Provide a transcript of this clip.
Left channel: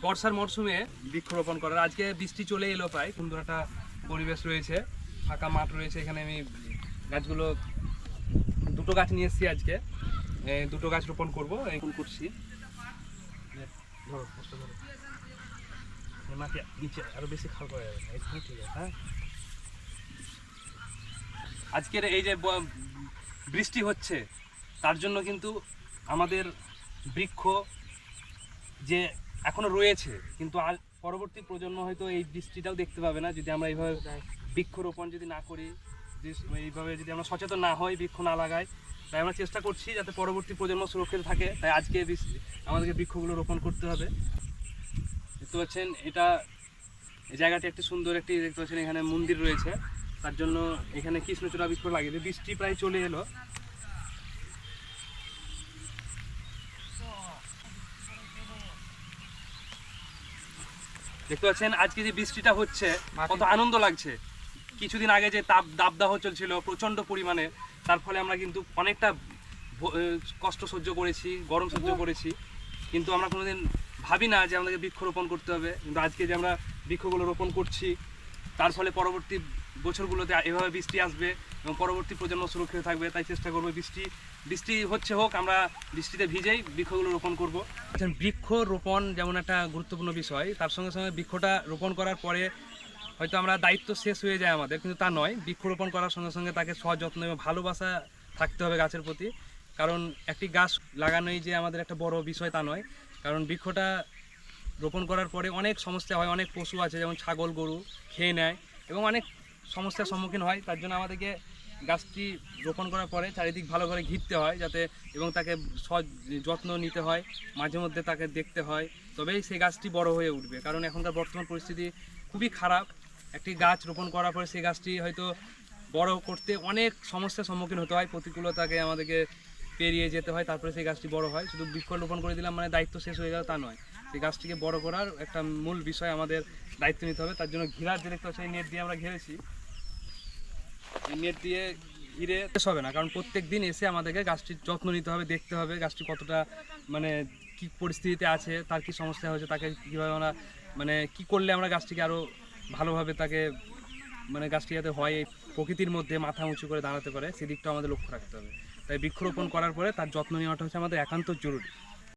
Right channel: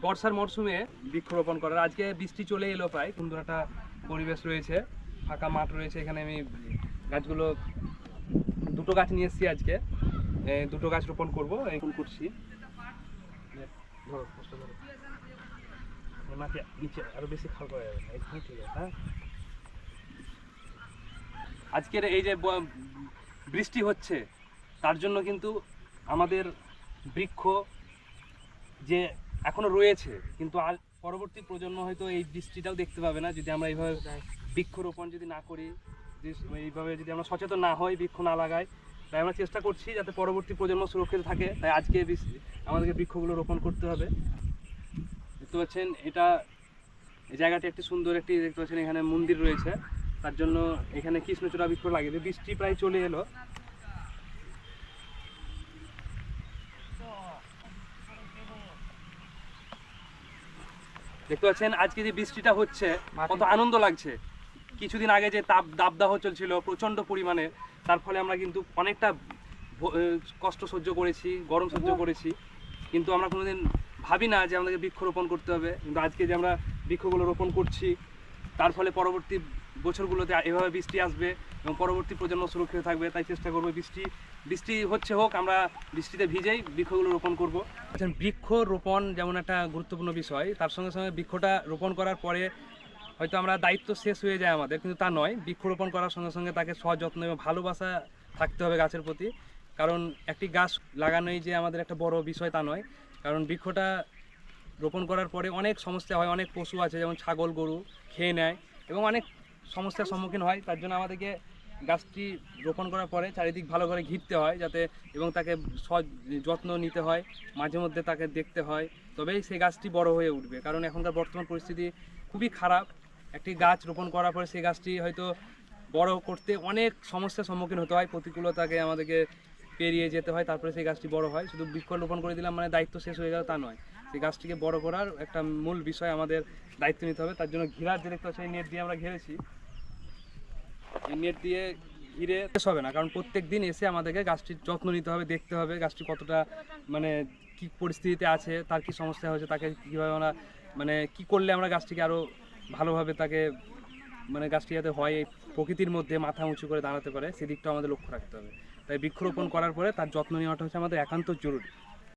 বর্ষার মরশুমে বৃক্ষরোপণ করার। আজকে বৃষ্টি চলে এলো প্রায়, সুন্দর একটা পরিবেশ রয়েছে, ফাঁকা মাঠ রয়েছে, এখানে আমি গাছগুলো, দুটো গাছ নিয়ে এসেছি আজকে। দুটো গাছ রোপণ করব এখন করছি। নিচে আরও বেশি করা যাবে আছে হ্যাঁ। আজকের এই যে বৃষ্টি হচ্ছে, তার জন্য কিন্তু আমাদের বৃক্ষ যে এখনও রয়েছে, কিন্তু আর পরবর্তী প্রজন্ম হয়তো এই বৃষ্টিটাও দেখতে পাবে না, যদি আমরা এইভাবে বৃক্ষরোপণ যদি না করি এইভাবে যদি আমরা সচেতন না হই, বৃক্ষ না লাগাই, তাই আমরা চেষ্টা করছি যাতে পরবর্তী প্রজন্ম সুরক্ষিত থাকে। তাই আজকে আমাদেরকে বৃক্ষগুলো রোপণ করতে হবে। দেখতে পাচ্ছেন, এটা এই জায়গাটি একটি সুন্দর একটি, দেখতে পাচ্ছেন এখানে মন্দির রয়েছে। তার জন্য এখানে কৃষ্ণচূড়া বৃক্ষ লাগিয়ে। বৃষ্টি প্রায় চলে এলো। দেখতে পাচ্ছেন আজকে যে বৃষ্টিটা হচ্ছে কত আনন্দ লাগছে। কিছুদিন আগে যে তাপ দাবদাহ চলছিল প্রচণ্ড পরিমাণে তার ফলে আমরা কিন্তু অনেকটা কষ্ট সহ্য করেছি গরম সহ্য করেছি। কিন্তু আমরা কোনোদিন ভাবি না যে আমাদেরকে বৃক্ষ রোপণ করতে হবে। কিন্তু আজকে যে আমরা বৃক্ষগুলো রোপণ করছি তার ফলে পরবর্তী বছরগুলোতে এভাবে বৃষ্টি আসবে এবং পরবর্তী প্রজন্ম সুরক্ষিত থাকবে, তাই চেষ্টা করব বৃষ্টি বৃষ্টি হচ্ছে হোক, আমরা বৃষ্টিতে ভিজেই বৃক্ষগুলো রোপণ করব। আচ্ছা বৃক্ষ রোপণ যেমন একটা গুরুত্বপূর্ণ বিষয়, তার সঙ্গে সঙ্গে বৃক্ষটা রোপণ করার পরে হয়তো আমরা দায়িত্ব শেষ হয়ে যায় আমাদের, কিন্তু তা নয় বৃক্ষরোপণ করার সঙ্গে সঙ্গে তাকে সযত্ন এবং ভালোবাসা থাকতে হবে গাছের প্রতি। কারণ একটি গাছ লাগানোই যে আমাদের একটা বড় বিষয় তা নয়, কারণ বৃক্ষটা রোপণ করার পরে অনেক সমস্যা হয়, অনেক পশু আছে যেমন ছাগল, গরু খেয়ে নেয় এবং অনেক সমস্যার সম্মুখীন হয়, তার জন্য আমাদেরকে গাছটি রোপণ করার পরে চারিদিক ভালো করে ঘিরতে হয় যাতে এবং তাকে সৎ যত্ন নিতে হয়, মাঝে মধ্যে তাকে দেখতে হয়, তবেই সেই গাছটি বড় হয়ে উঠবে। কারণ এখনকার বর্তমান পরিস্থিতি খুবই খারাপ। একটি গাছ রোপণ করার পরে সেই গাছটি হয়তো বড় করতে অনেক সমস্যার সম্মুখীন হতে হয়, প্রতিকূলতাকে আমাদেরকে পেরিয়ে যেতে হয়, তারপরে সেই গাছটি বড় হয়। শুধু বৃক্ষ রোপণ করে দিলাম মানে দায়িত্ব শেষ হয়ে গেল তা নয়। সেই গাছটিকে বড় করার একটা মূল বিষয় আমাদের দায়িত্ব নিতে হবে, তার জন্য ঘিরার যে দেখতে পাচ্ছি নেট দিয়ে আমরা ঘিরেছি। এই নেট দিয়ে ঘিরে শেষ হবে না, কারণ প্রত্যেক দিন এসে আমাদেরকে গাছটির যত্ন নিতে হবে, দেখতে হবে গাছটি কতটা মানে কি পরিস্থিতিতে আছে, তার কি সমস্যা হয়েছে, তাকে কীভাবে আমরা মানে কি করলে আমরা গাছটিকে আরও ভালোভাবে তাকে মানে গাছটি যাতে হয় এই প্রকৃতির মধ্যে মাথা উঁচু করে দাঁড়াতে পারে সেদিকটা আমাদের লক্ষ্য রাখতে হবে। তাই বৃক্ষরোপণ করার পরে তার যত্ন নেওয়াটা হচ্ছে আমাদের একান্ত জরুরি।